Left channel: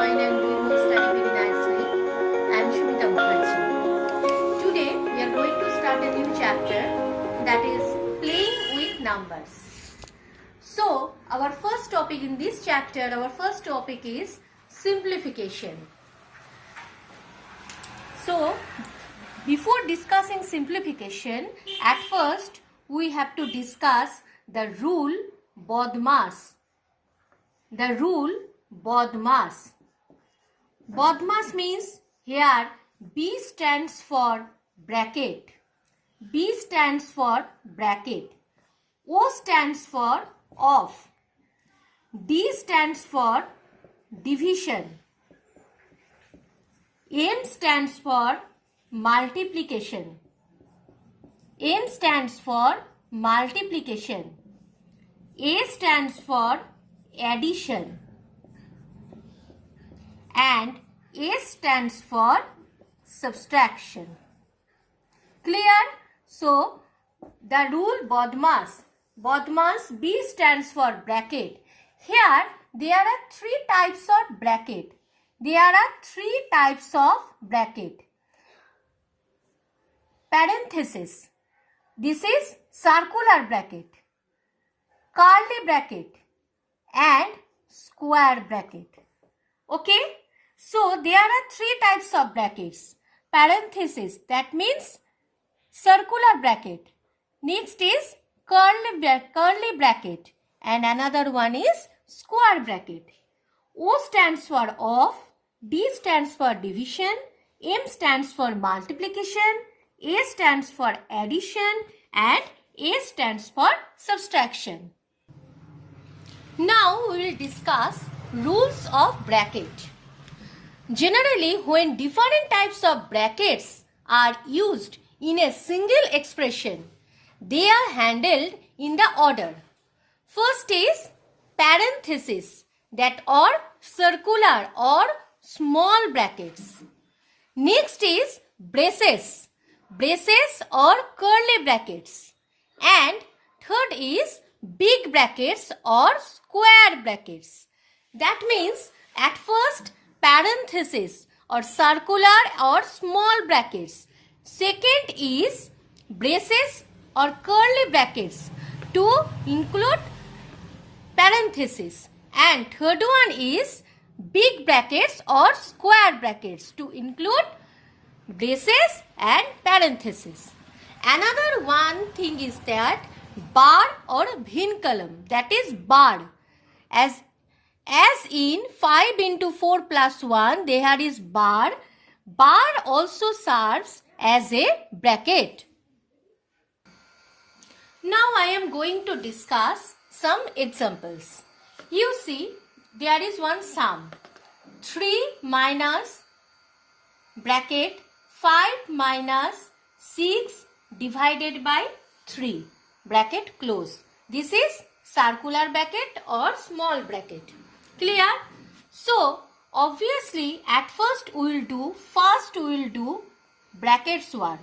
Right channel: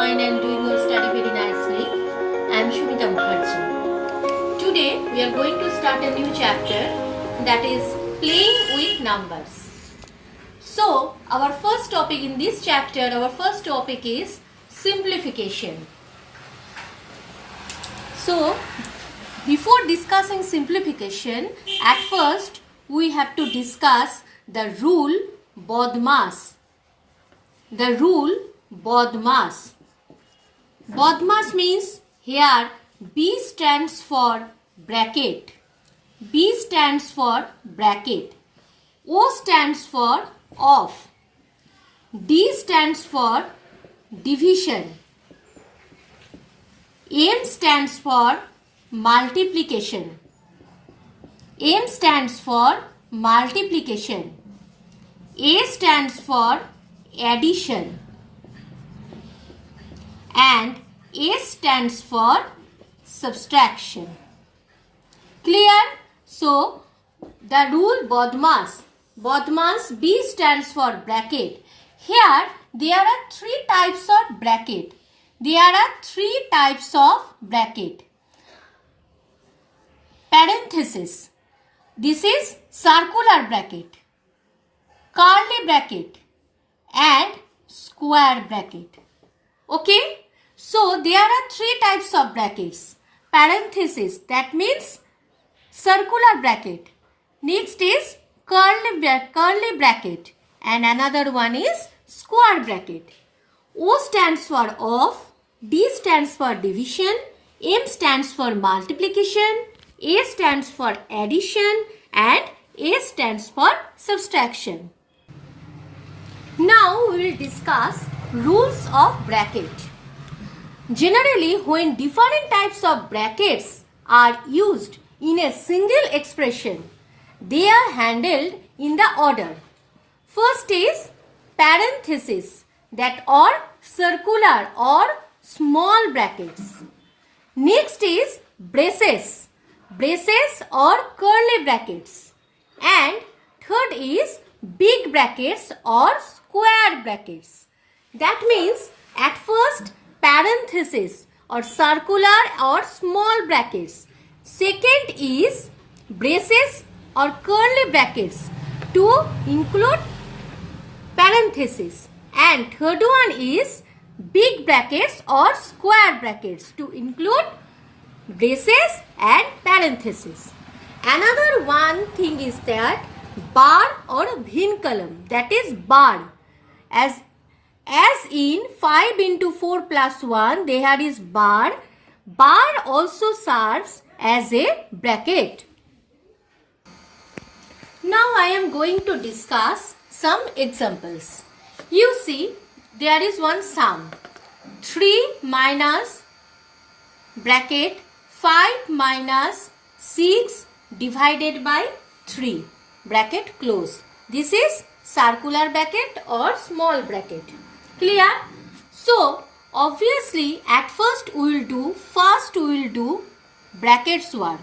fine and doing your study very nicely. I am Shumita Mukherjee. Today we are going to start a new chapter, that is playing with numbers. So our first topic in this chapter, is simplification. So before discussing simplification, at first we have to discuss the rule BODMAS. The rule BODMAS. BODMAS means here B stands for bracket. B stands for bracket. O stands for off. D stands for division. M stands for multiplication. M stands for multiplication. A stands for addition. And S stands for subtraction. Clear? So, the rule BODMAS. BODMAS, B stands for bracket. Here, there are three types of bracket. Parenthesis. This is circular bracket, curly bracket, and square bracket. Okay? So, there are three types of brackets. Parenthesis, that means circular bracket. Next is curly bracket. And another one is square bracket. O stands for off. D stands for division. M stands for multiplication. A stands for addition. And A stands for subtraction. Now we will discuss rules of bracket. Generally, when different types of brackets are used in a single expression, they are handled in the order. First is parenthesis, that are circular or small brackets. Next is braces or curly brackets. And third is big brackets or square brackets. That means at first parenthesis or circular or small brackets. Second is braces or curly brackets to include parenthesis. And third one is big brackets or square brackets to include braces and parenthesis. Another one thing is that bar or vinculum, that is bar. As in 5 into 4 plus 1, there is bar. Bar also serves as a bracket. Now I am going to discuss some examples. You see, there is one sum. 3 minus bracket 5 minus 6 divided by 3 bracket close. This is circular bracket or small bracket. Clear? So, obviously at first we will do brackets work.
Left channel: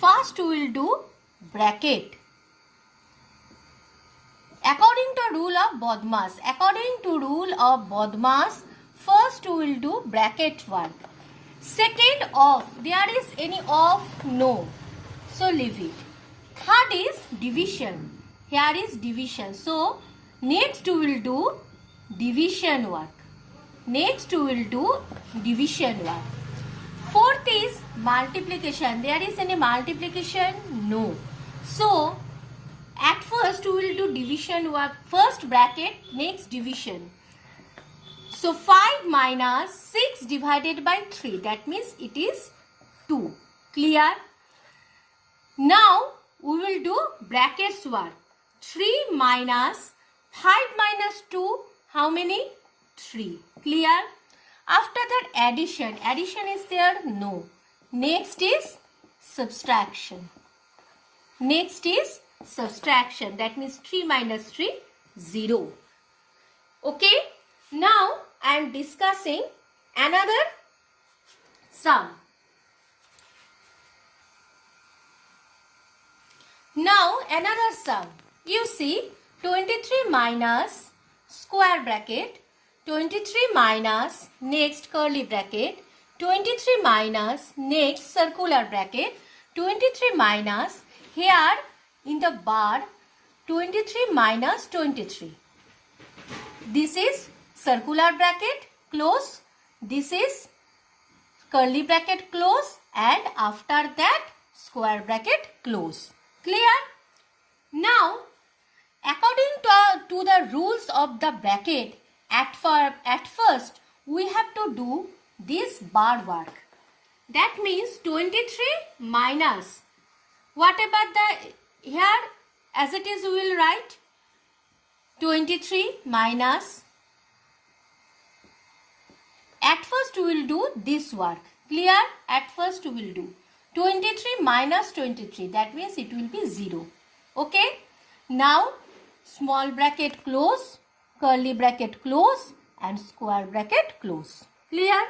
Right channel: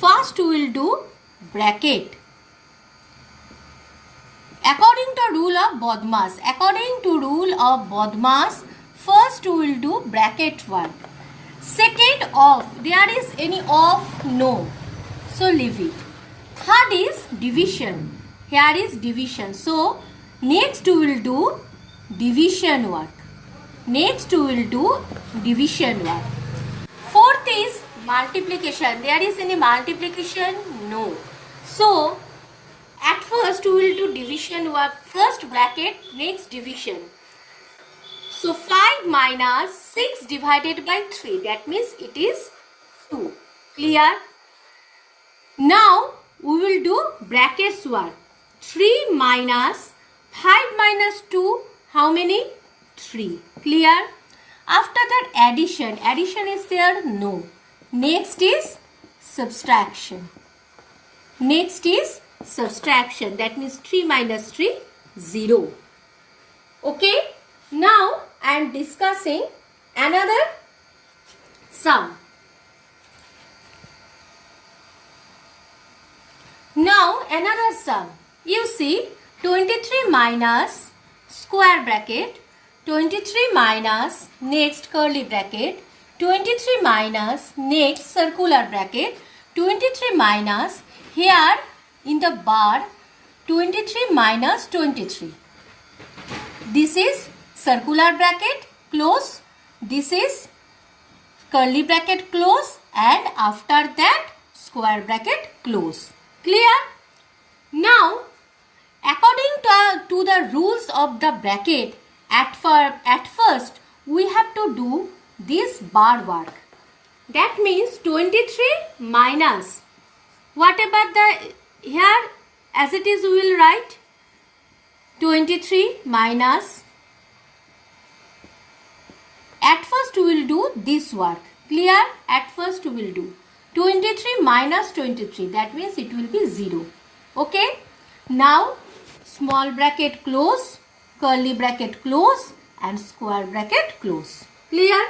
First we will do bracket. According to rule of BODMAS, first we will do bracket work. Second off, there is any off? No. So leave it. Third is division. Here is division. So next we will do division work. Fourth is multiplication. There is any multiplication? No. So at first we will do division work. First bracket, next division. So 5 minus 6 divided by 3. That means it is 2. Clear? Now we will do brackets work. 3 minus 5 minus 2. How many? 3. Clear? After that addition. Addition is there? No. Next is subtraction. That means 3 minus 3, 0. Okay? Now I am discussing another sum. Now another sum. You see 23 minus square bracket 23 minus next curly bracket, 23 minus next circular bracket, 23 minus here in the bar 23 minus 23. This is circular bracket close, this is curly bracket close, and after that square bracket close. Clear? Now according to the rules of the bracket, at first we have to do this bar work. That means 23 minus whatever the here as it is we will write 23 minus. At first we will do this work. Clear? At first we will do 23 minus 23. That means it will be 0. Okay? Now small bracket close, curly bracket close, and square bracket close. Clear?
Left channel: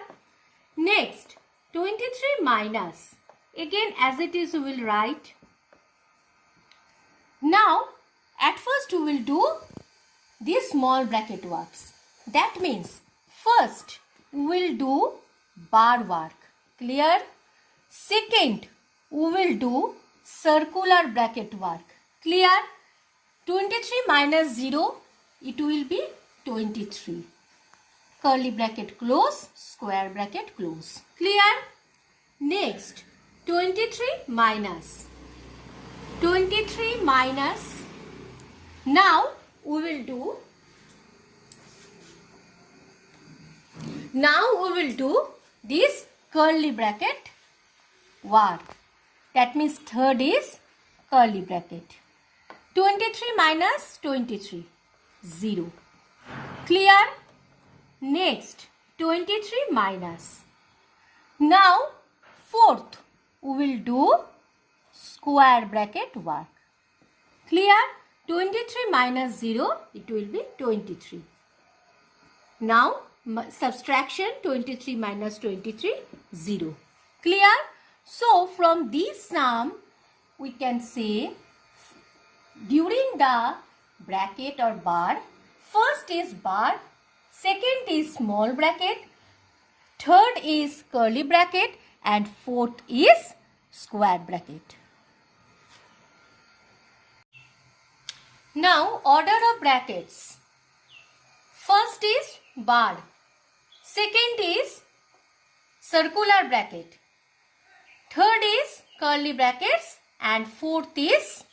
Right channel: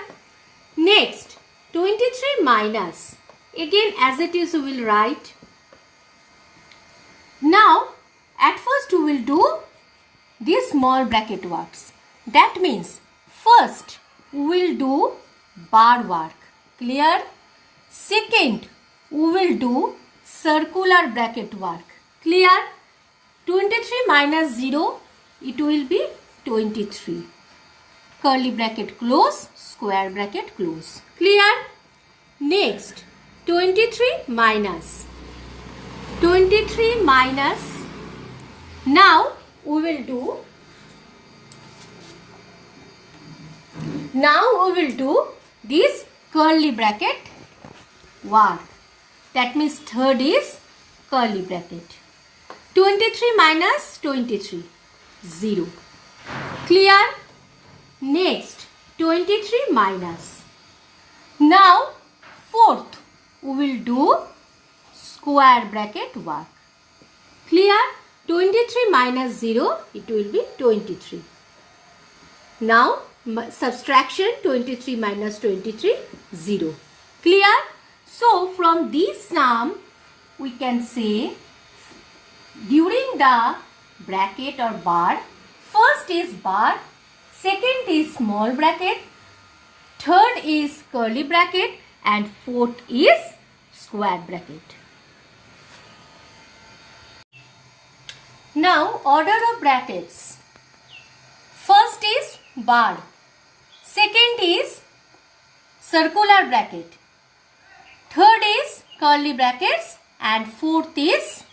Next 23 minus. Again as it is we will write. Now at first we will do this small bracket works. That means first we will do bar work. Clear? Second we will do circular bracket work. Clear? 23 minus 0, it will be 23. Curly bracket close, square bracket close. Clear? Next 23 minus. 23 minus. Now we will do this curly bracket work. That means third is curly bracket. 23 minus 23, 0. Clear? Next 23 minus. Now fourth we will do square bracket work. Clear? 23 minus 0, it will be 23. Now subtraction 23 minus 23, 0. Clear? So from this sum we can say during the bracket or bar, first is bar, second is small bracket, third is curly bracket, and fourth is square bracket. Now order of brackets. First is bar, second is circular bracket, third is curly brackets, and fourth is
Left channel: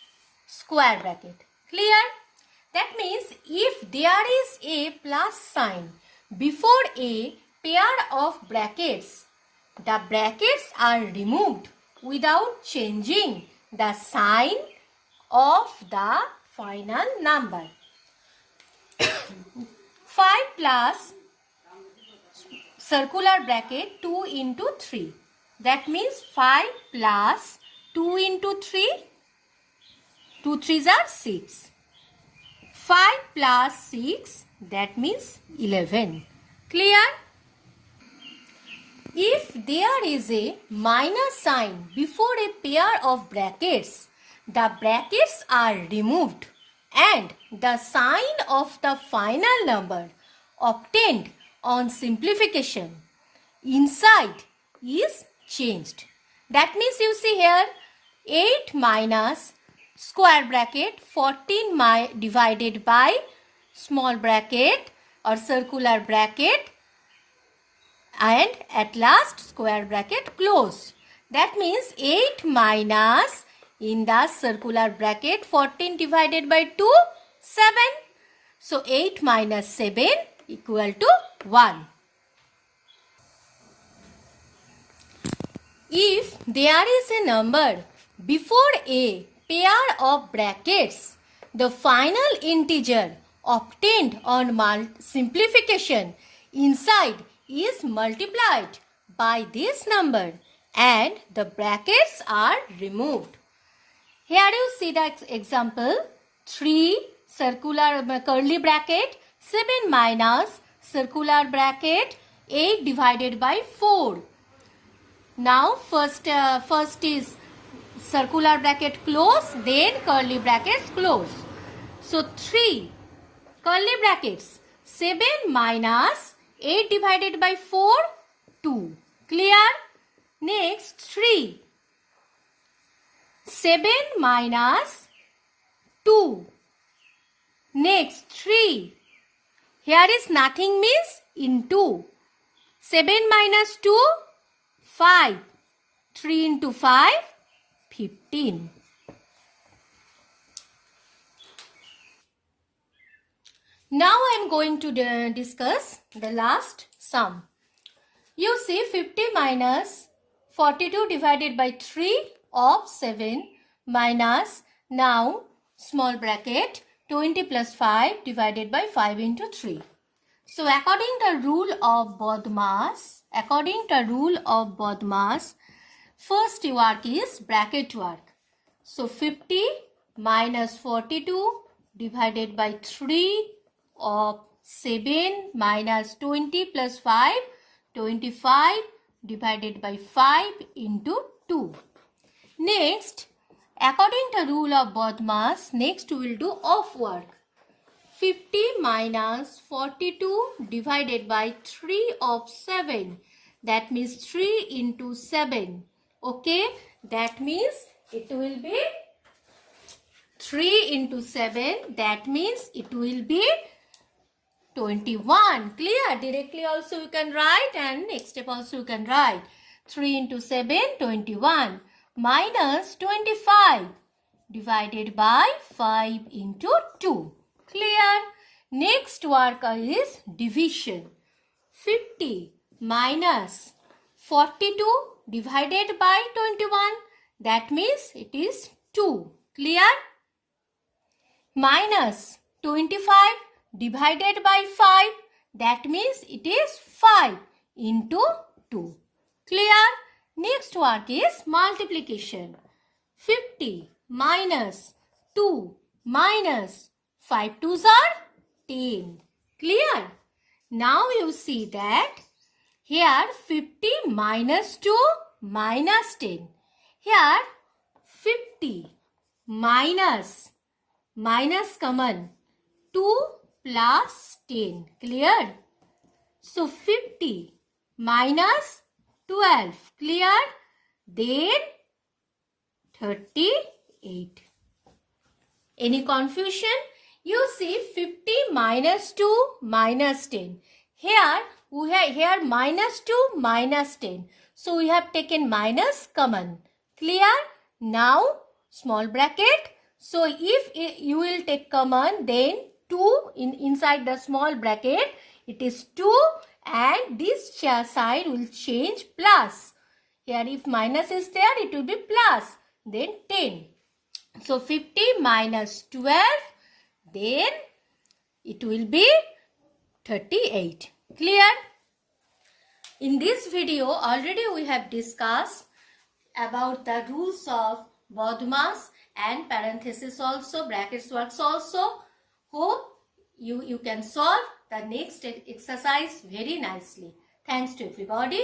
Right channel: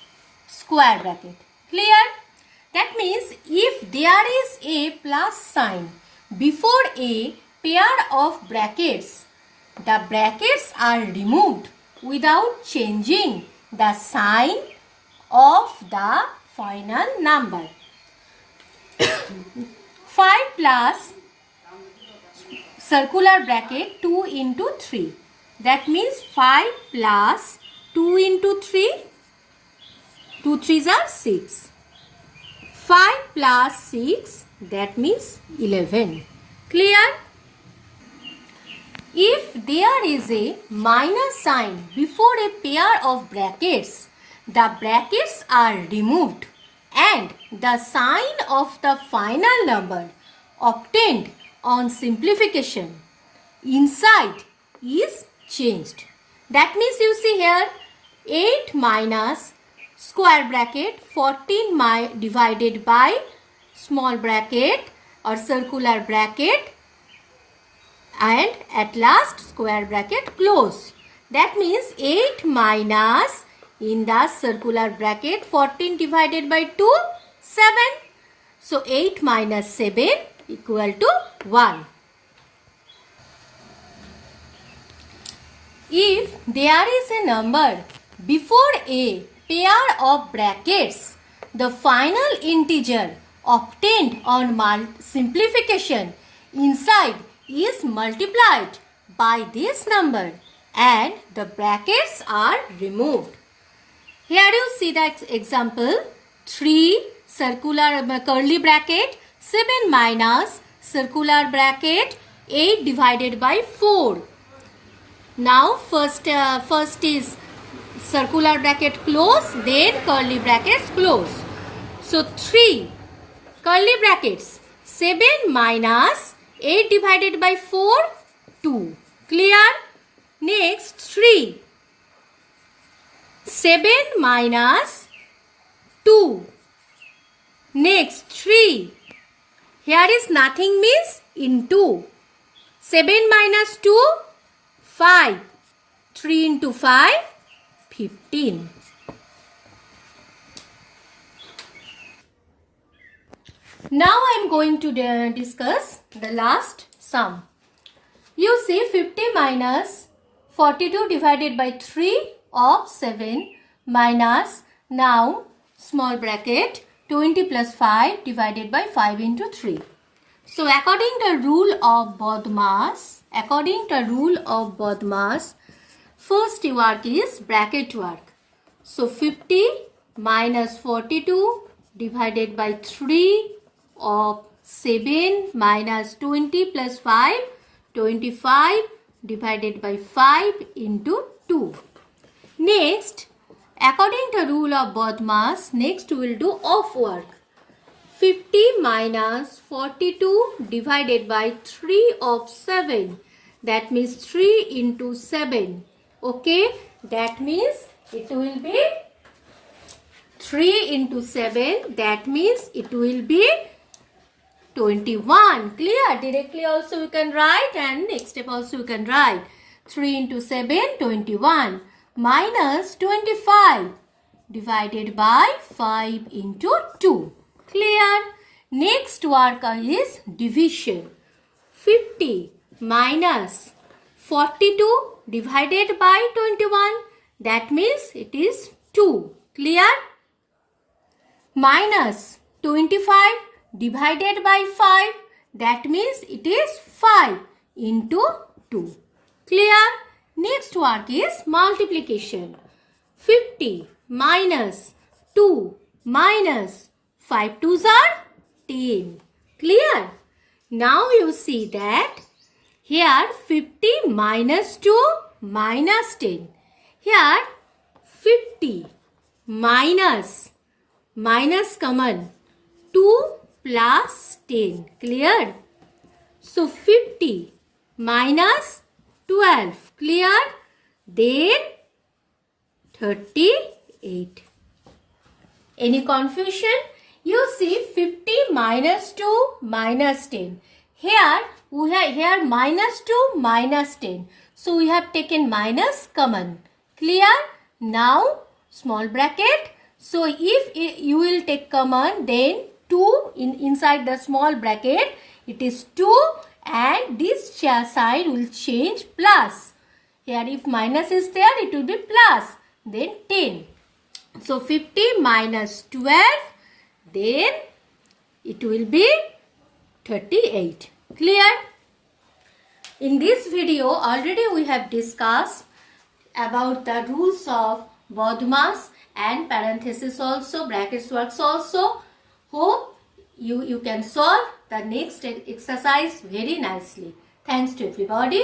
square bracket. Clear? That means if there is a plus sign before a pair of brackets, the brackets are removed without changing the sign of the final number. 5 plus circular bracket 2 into 3. That means 5 plus 2 into 3. 2 3s are 6. 5 plus 6, that means 11. Clear? If there is a minus sign before a pair of brackets, the brackets are removed and the sign of the final number obtained on simplification inside is changed. That means you see here 8 minus square bracket 14 divided by small bracket or circular bracket, and at last square bracket close. That means 8 minus in the circular bracket 14 divided by 2, 7. So 8 minus 7 equal to 1. If there is a number before a pair of brackets, the final integer obtained on simplification inside is multiplied by this number and the brackets are removed. Here you see that example 3 circular curly bracket 7 minus circular bracket 8 divided by 4. Now first is circular bracket close, then curly brackets close. So 3 curly brackets 7 minus 8 divided by 4, 2. Clear? Next, 3. 7 minus 2. Next, 3. Here is nothing means into. 7 minus 2, 5. 3 into 5, 15. Now I am going to discuss the last sum. You see 50 minus 42 divided by 3 of 7 minus now small bracket 20 plus 5 divided by 5 into 3. So according to rule of BODMAS, first work is bracket work. So 50 minus 42 divided by 3 of 7 minus 20 plus 5, 25 divided by 5 into 2. Next, according to rule of BODMAS, next we will do off work. 50 minus 42 divided by 3 of 7. That means 3 into 7. Okay, that means it will be 3 into 7. That means it will be 21. Clear? Directly also you can write and next step also you can write. 3 into 7, 21. Minus 25 divided by 5 into 2. Clear? Next work is division. 50 minus 42 divided by 21. That means it is 2. Clear? Minus 25 divided by 5. That means it is 5 into 2. Clear? Next work is multiplication. 50 minus 2 minus 5 2s are 10. Clear? Now you see that here 50 minus 2 minus 10. Here 50 minus common 2 plus 10. Clear? So 50 minus 12. Clear? Then 38. Any confusion? You see 50 minus 2 minus 10. Here we have minus 2 minus 10. So we have taken minus common. Clear? Now small bracket. So if you will take common, then 2 inside the small bracket, it is 2 and this side will change plus. Here if minus is there, it will be plus. Then 10. So 50 minus 12, then it will be 38. Clear? In this video, already we have discussed about the rules of BODMAS and parenthesis also, brackets works also. Hope you can solve the next exercise very nicely. Thanks to everybody.